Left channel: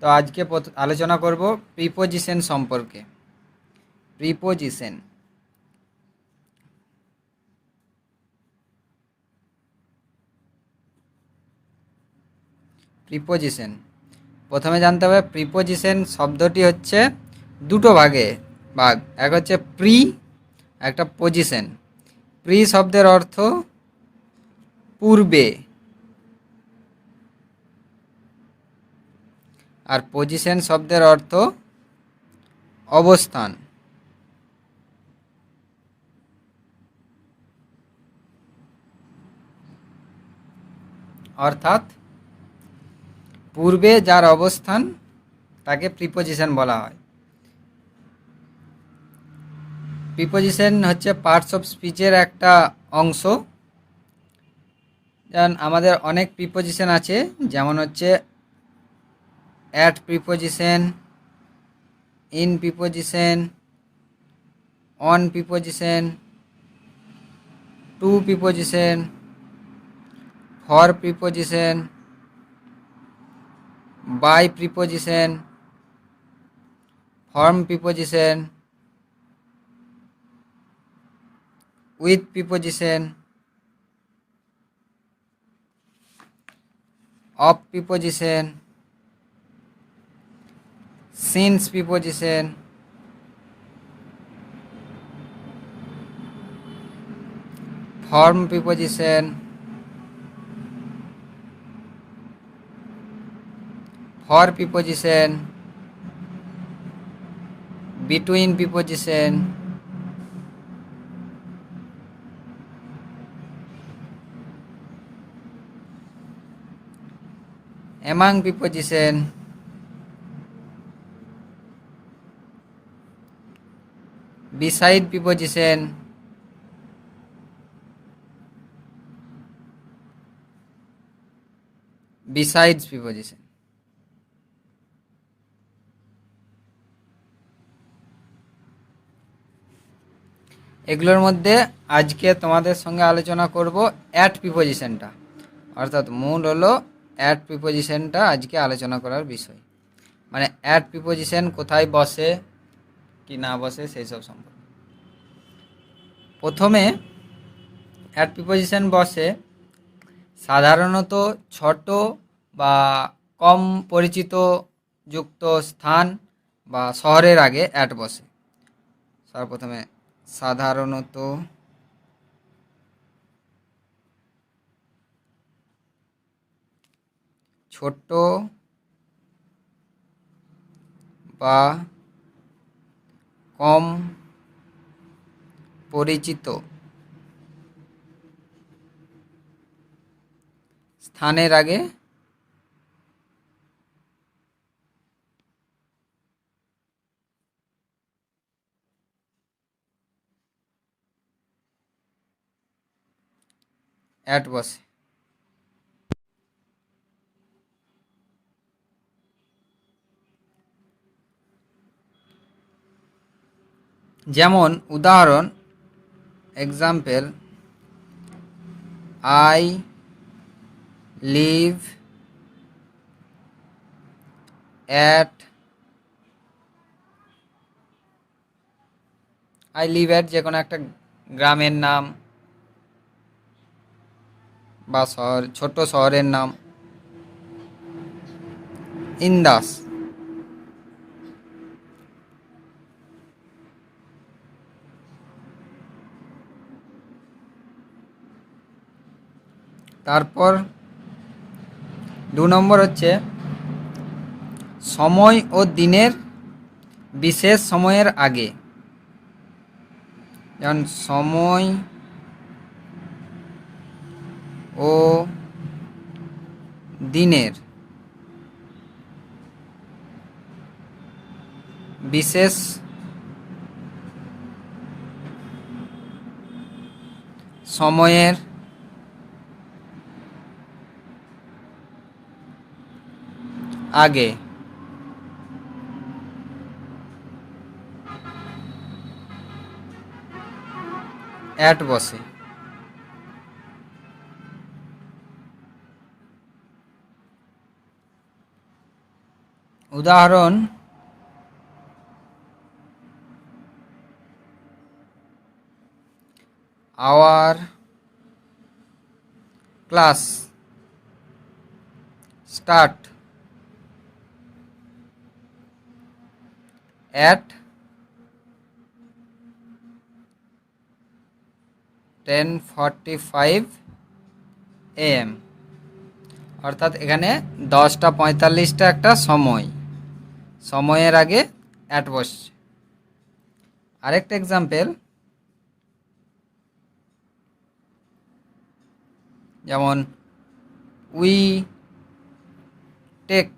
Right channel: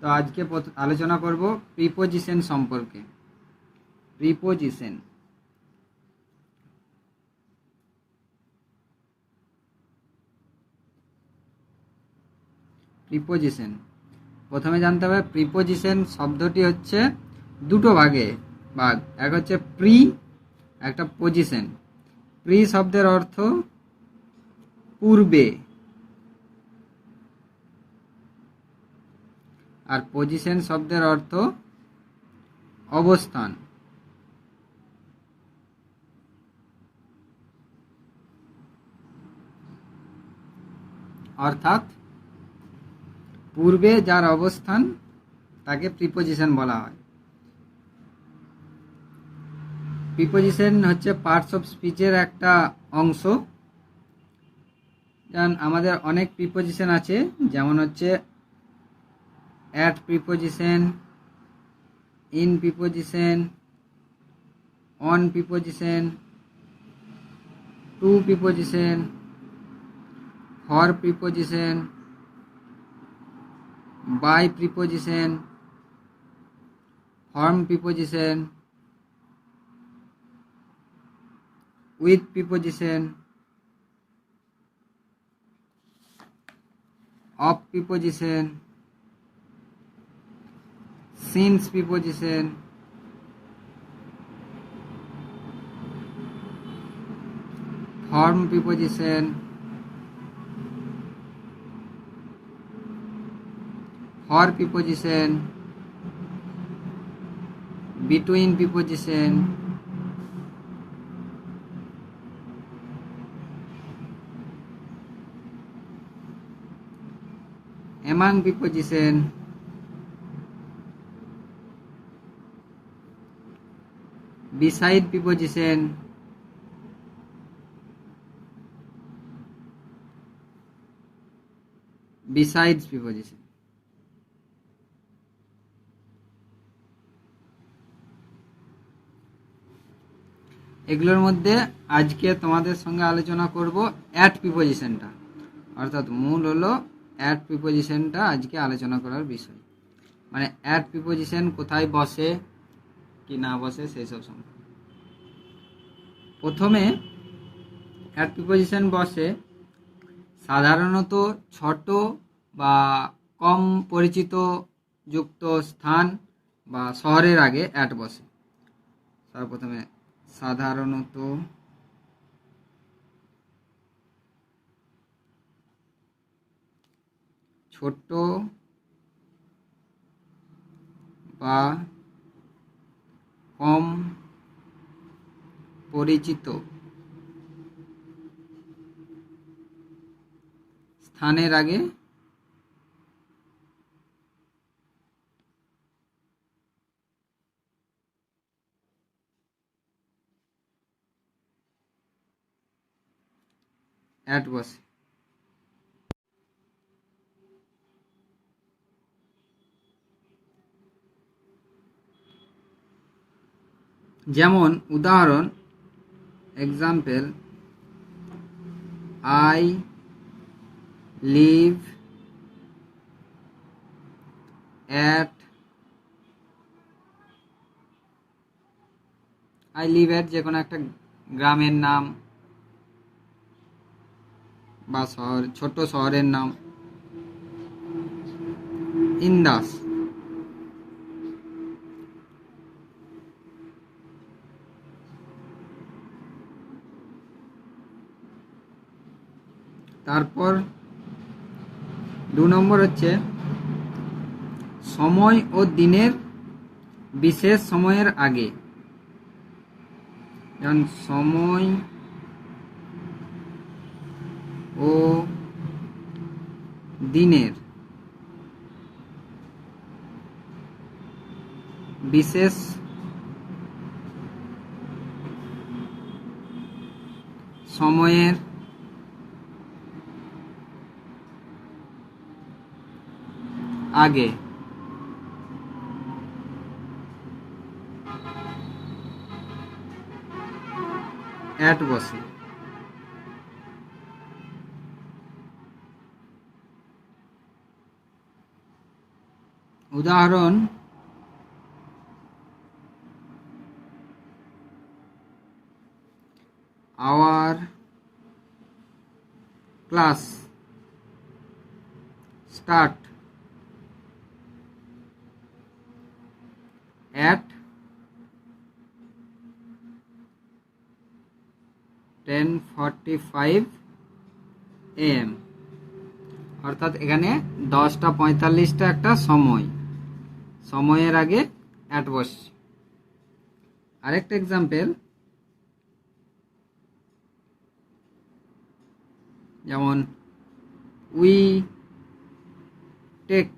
তো আজকে আলোচনা করব প্রিপোজিশন সম্পর্কে। প্রিপোজিশন প্রিপোজিশন প্রথমে জানতে হবে প্রিপোজিশন শব্দটি হচ্ছে দুটো ভাগ। এক হচ্ছে প্রি, একটা পজিশন। প্রি শব্দের অর্থ পূর্বে, আর পজিশন শব্দের অর্থ অবস্থান। অর্থাৎ পূর্বে যার অবস্থান তাকে প্রিপোজিশন বলা হয়। প্রিপোজিশন হচ্ছে পার্টস অফ স্পিচের একটা অংশ। যেমন আমাদের অনেক প্রিপোজিশন আছে, যেমন হচ্ছে at preposition, in preposition, on preposition, to preposition, for preposition, by preposition, form preposition, with preposition, of preposition, since preposition, form preposition, for preposition, between preposition, among preposition, beside preposition, besides preposition. এগুলোর মধ্যে আজকে তোমাদের সঙ্গে আলোচনা করব অ্যাট প্রিপোজিশনটা, অর্থাৎ মূল হলো অ্যাট প্রিপোজিশনটা আজকে আলোচনা করার বিষয়। মানে অ্যাট প্রিপোজিশন কোথায় বসে কি না বসে সেই সব সম্পর্কে। প্রথমে অ্যাট প্রিপোজিশন বসে সাধারণত ছোট বা কম পরিচিত যুক্ত স্থান বা শহরের আগে অ্যাট বসে। সর্বপ্রথমে সাধারণত ছোট বা কম পরিচিত স্থানের আগে অ্যাট বসে। যেমন উদাহরণ, example, I live at, I live at যে কোনো একটা গ্রামের নাম বা শহর, ছোট শহরের নাম। ইন্দাস, তারপর 2 নম্বর হচ্ছে সময় ও দিনের বিশেষ সময়ের আগে। যেমন সময় ও দিনের বিশেষ সময়ের আগে অ্যাট বসে। উদাহরণ আওয়ার ক্লাস স্টার্ট at 10:45 AM, অর্থাৎ এখানে 10:45 একটা সময়ের আগে অ্যাট বসছে। আরেকটা এক্সাম্পল, যেমন উই টেক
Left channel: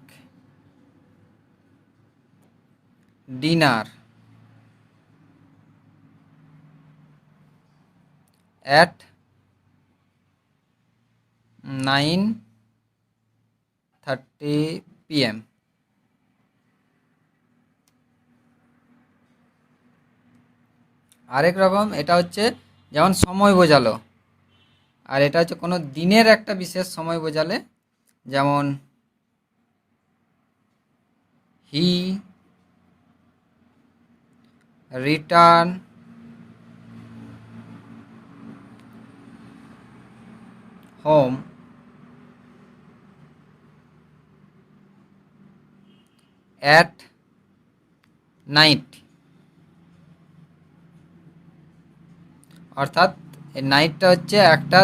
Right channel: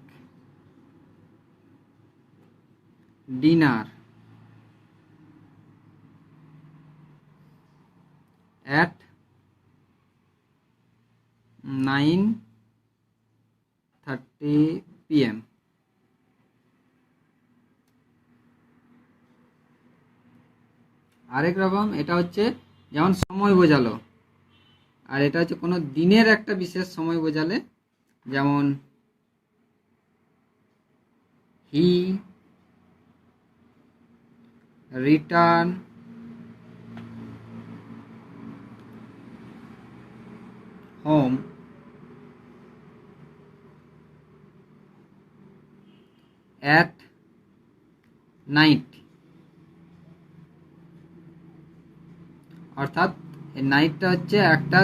ডিনার at 9:30 PM। আরেক রকম, এটা হচ্ছে যেমন সময় বোঝালো, আর এটা হচ্ছে কোনো দিনের একটা বিশেষ সময় বোঝালে, যেমন he return home at night, অর্থাৎ এই নাইটটা হচ্ছে একটা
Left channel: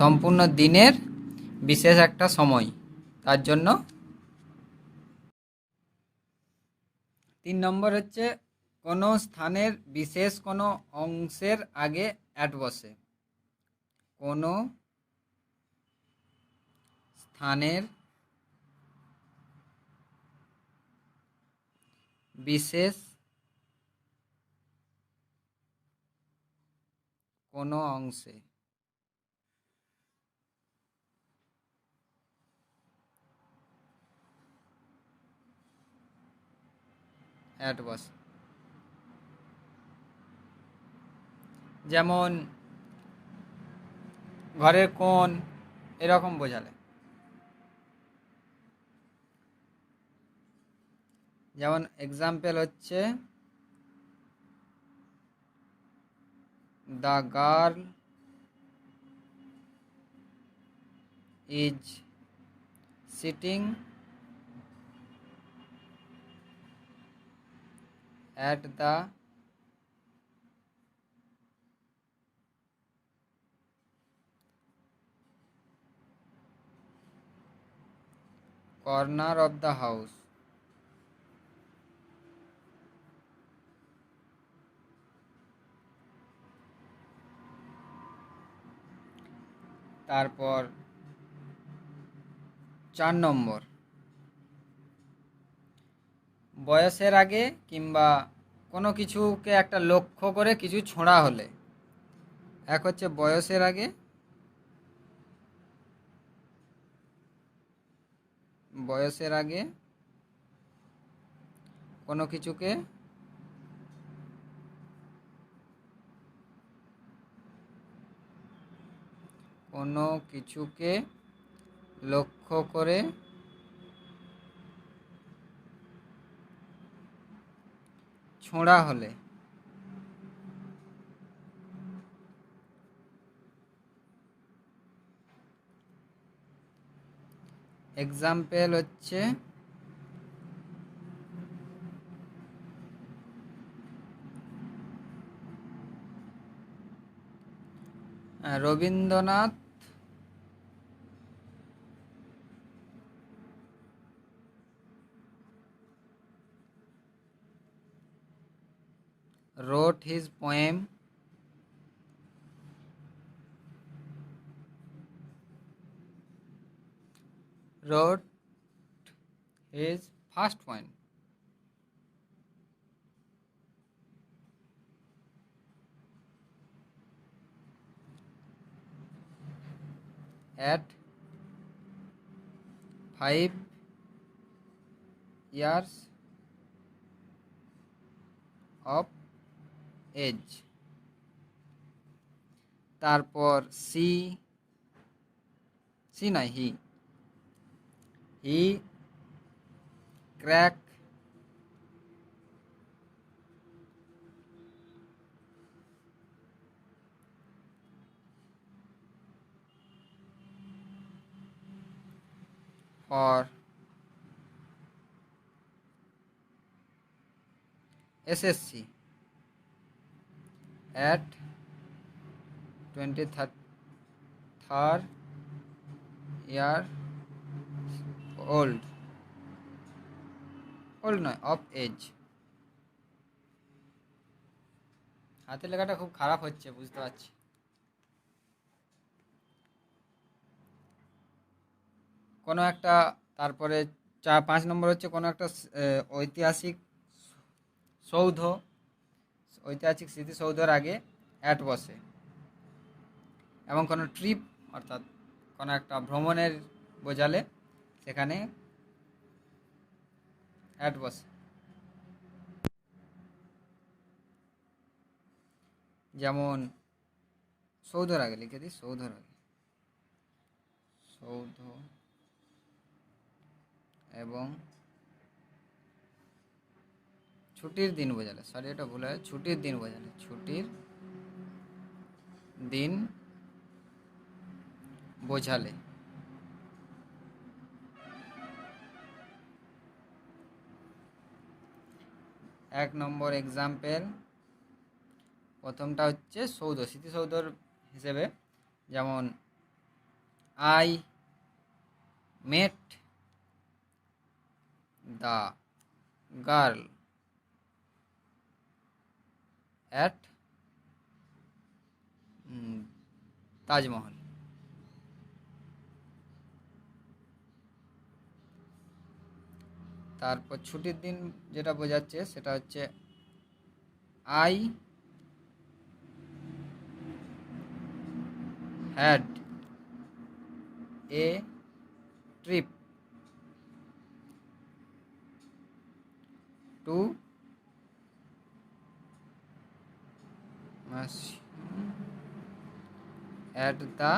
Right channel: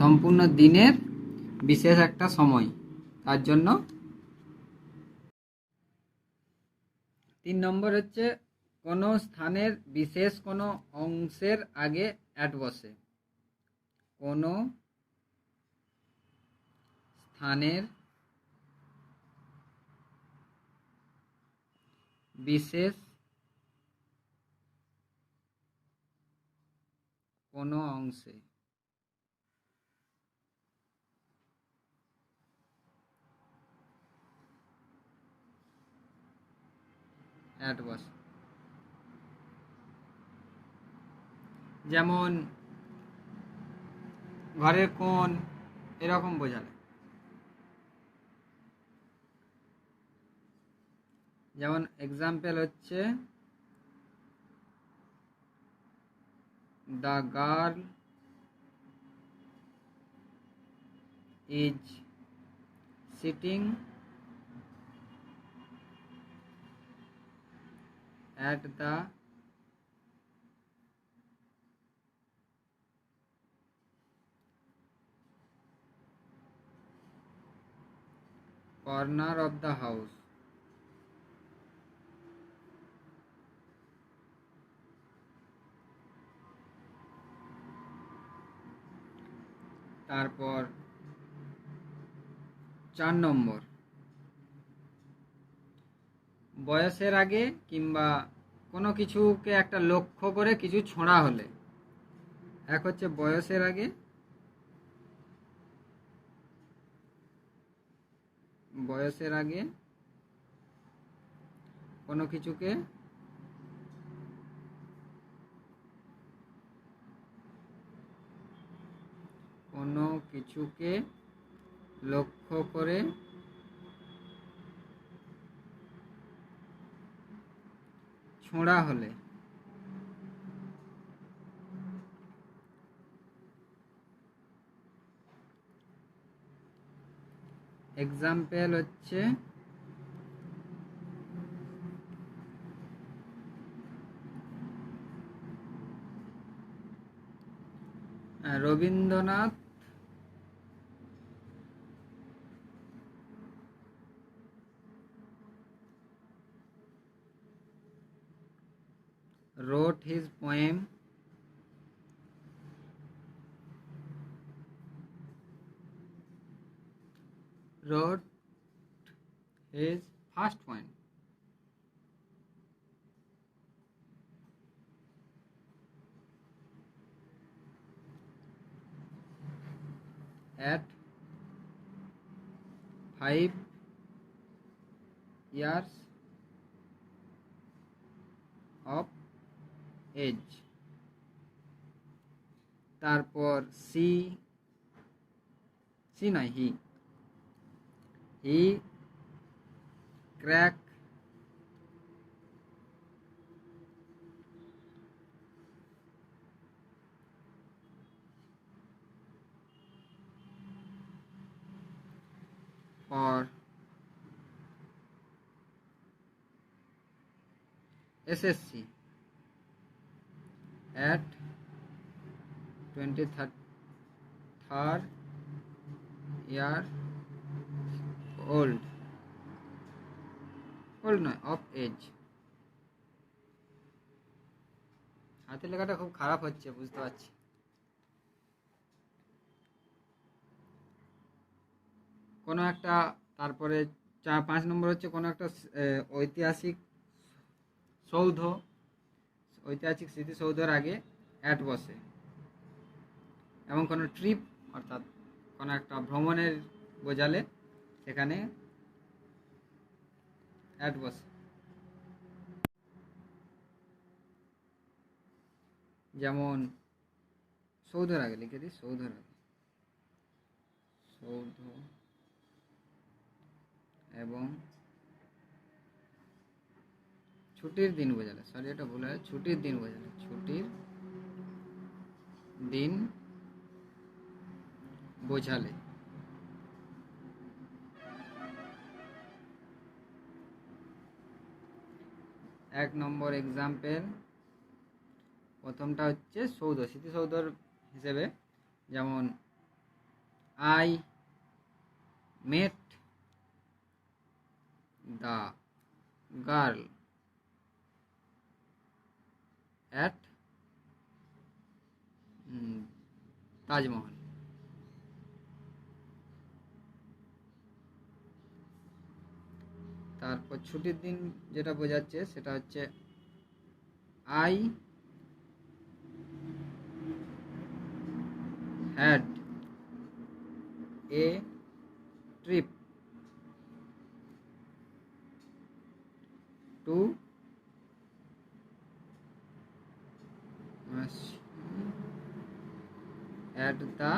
সম্পূর্ণ দিনের বিশেষ একটা সময়, তার জন্য। 3 নম্বর হচ্ছে কোনো স্থানের বিশেষ কোনো অংশের আগে অ্যাট বসে। কোনো স্থানের বিশেষ কোনো অংশে অ্যাট বসে, যেমন ঘরের কোণ, এরকম বোঝালে। যেমন এক্সাম্পল হচ্ছে the girl is sitting at the corner of the house। তারপর 4 নম্বর, বয়সের আগে কিংবা কোনো কিছুকে একটা লক্ষ্য করে কিছু ছোঁড়া হলে, এক হচ্ছে বয়সের আগে, কোনো কিছুকে লক্ষ্য করে ছোঁড়া হলে। এক্সাম্পল হচ্ছে Rabindranath wrote his poem wrote his first poem at 5 years of age। তারপর সি নাই he crack, for SSC at 23rd year old নয়, অফ এজ। হাতের লেখাটা খুব খারাপ হচ্ছে, বুঝতে পারছি। কোনো একটা, তারপরে 5 নম্বর হচ্ছে কোনো একটা ঐতিহাসিক স্মৃতিসৌধের আগে অ্যাট বসে, এবং কোনো ট্রিপ অর্থাৎ কোনো একটা ভ্রমণের বোঝালে সেখানে অ্যাট বসে। যেমন সৌধের আগে লিখে দিই, সৌধের আগে, সৌধ এবং ছুটির দিন বোঝালে, সরি এটা ভুল হয়, ছুটির দিন বোঝালে, ছুটির দিন বোঝালে। এক নম্বর এক্সাম্পল, প্রথমটা হচ্ছে সৌধ, স্মৃতিসৌধর হিসেবে, যেমন I met the girl at Taj Mahal. তারপর ছুটির দিন যেটা বোঝাচ্ছে সেটা হচ্ছে I had a trip to at the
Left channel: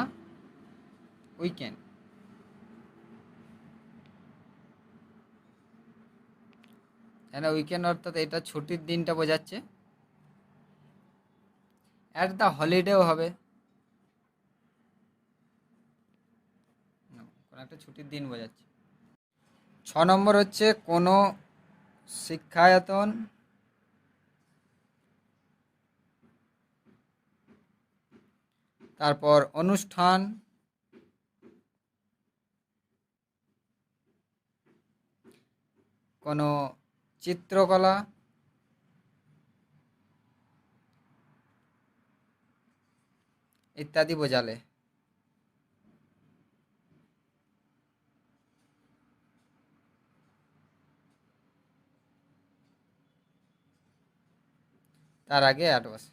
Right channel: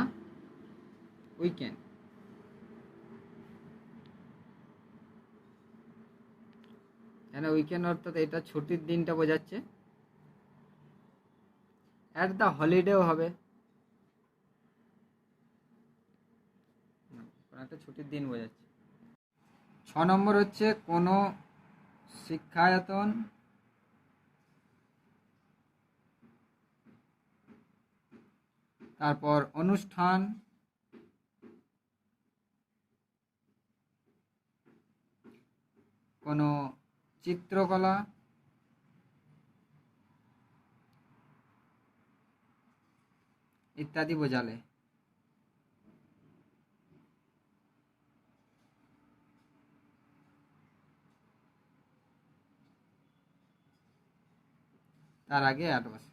weekend। এখানে উইকেন্ড অর্থাৎ এটা ছুটির দিনটা বোঝাচ্ছে। অ্যাট দ্য হলিডেও হবে, একটা ছুটির দিন বোঝাচ্ছে। 6 নম্বর হচ্ছে কোনো শিক্ষায়তন তারপর অনুষ্ঠান, কোনো চিত্রকলা, ইত্যাদি বোঝালে। তার আগে অ্যাট বসে।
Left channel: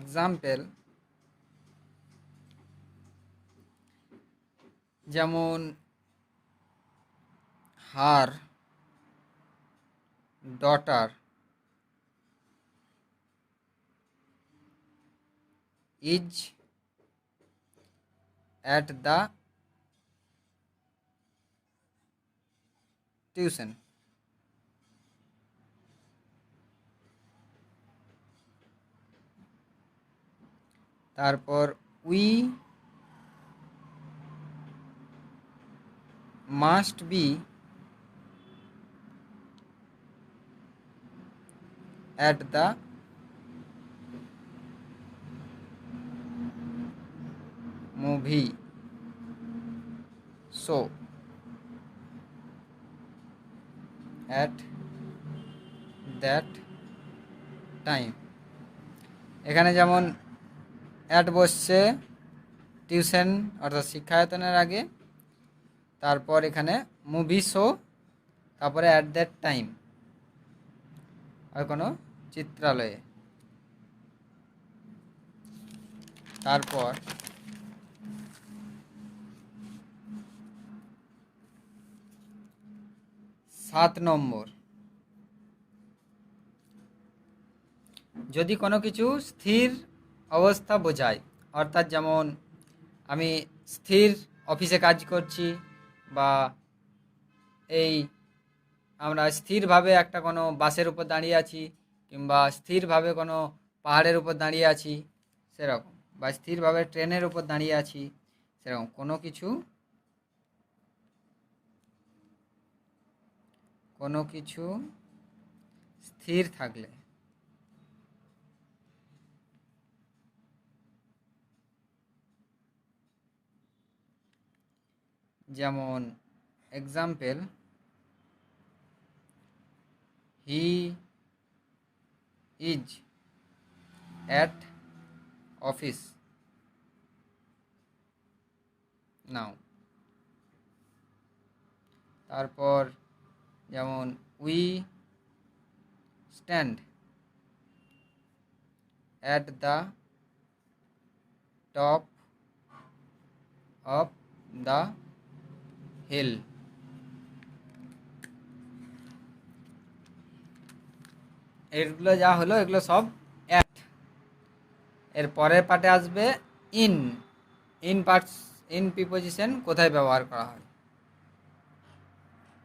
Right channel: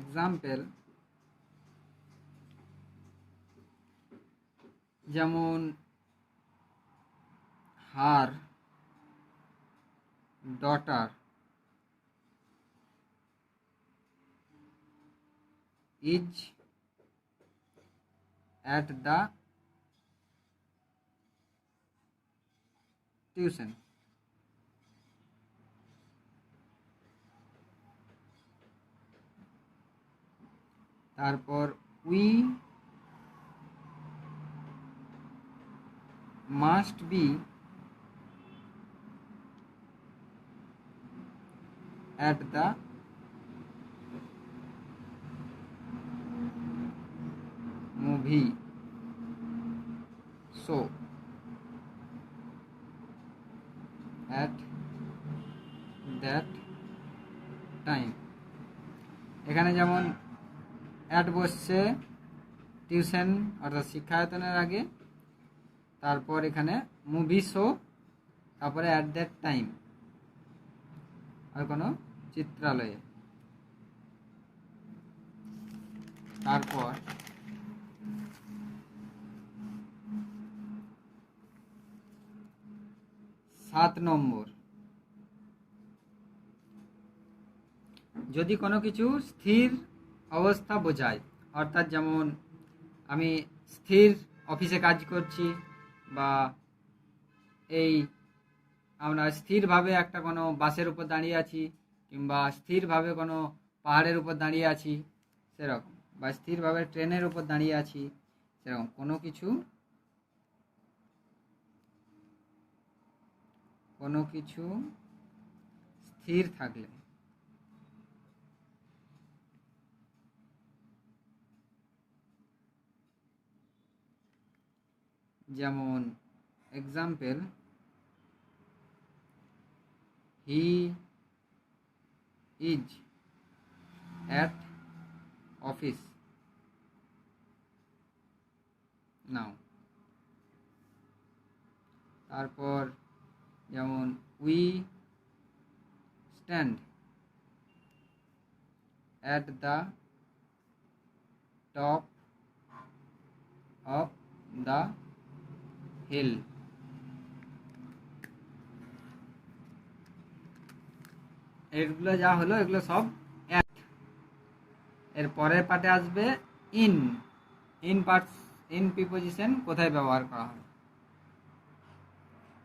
এক্সাম্পল, যেমন her daughter is at the tuition. তারপর we must be at the movie show at that time। এখানে যেমন অ্যাট বসছে টিউশন অর্থাৎ শিক্ষায়তনের আগে, তারপর এখানে মুভি শো, তারপরে অ্যাট দ্যাট টাইম আর কোনো চিত্রালয়ে। তারপর 7 নম্বর, যদি কোনো কিছু স্থির অবস্থা বোঝায়, অর্থাৎ যেমন আমি স্থির অফিসে কাজ করছি, বা এই আমরা স্থিরভাবে একটা কোনো বাসের উপর দাঁড়িয়ে আছি, কিংবা স্থিরভাবে কোনো পাহাড়ের উপর দাঁড়িয়ে আছি সেরকম, বা স্থিরভাবে ট্রেনের উপর দাঁড়িয়ে আছি সেরকম কোনো কিছু স্থির থাকলে, যেমন example, he is at office now. তারপর যেমন we stand at the top of the hill. এগুলো যা হলো এগুলো সব অ্যাট। এর পরের পার্টে আসবে ইন। ইন প্রিপোজিশন কোথায় ব্যবহার করা হয়।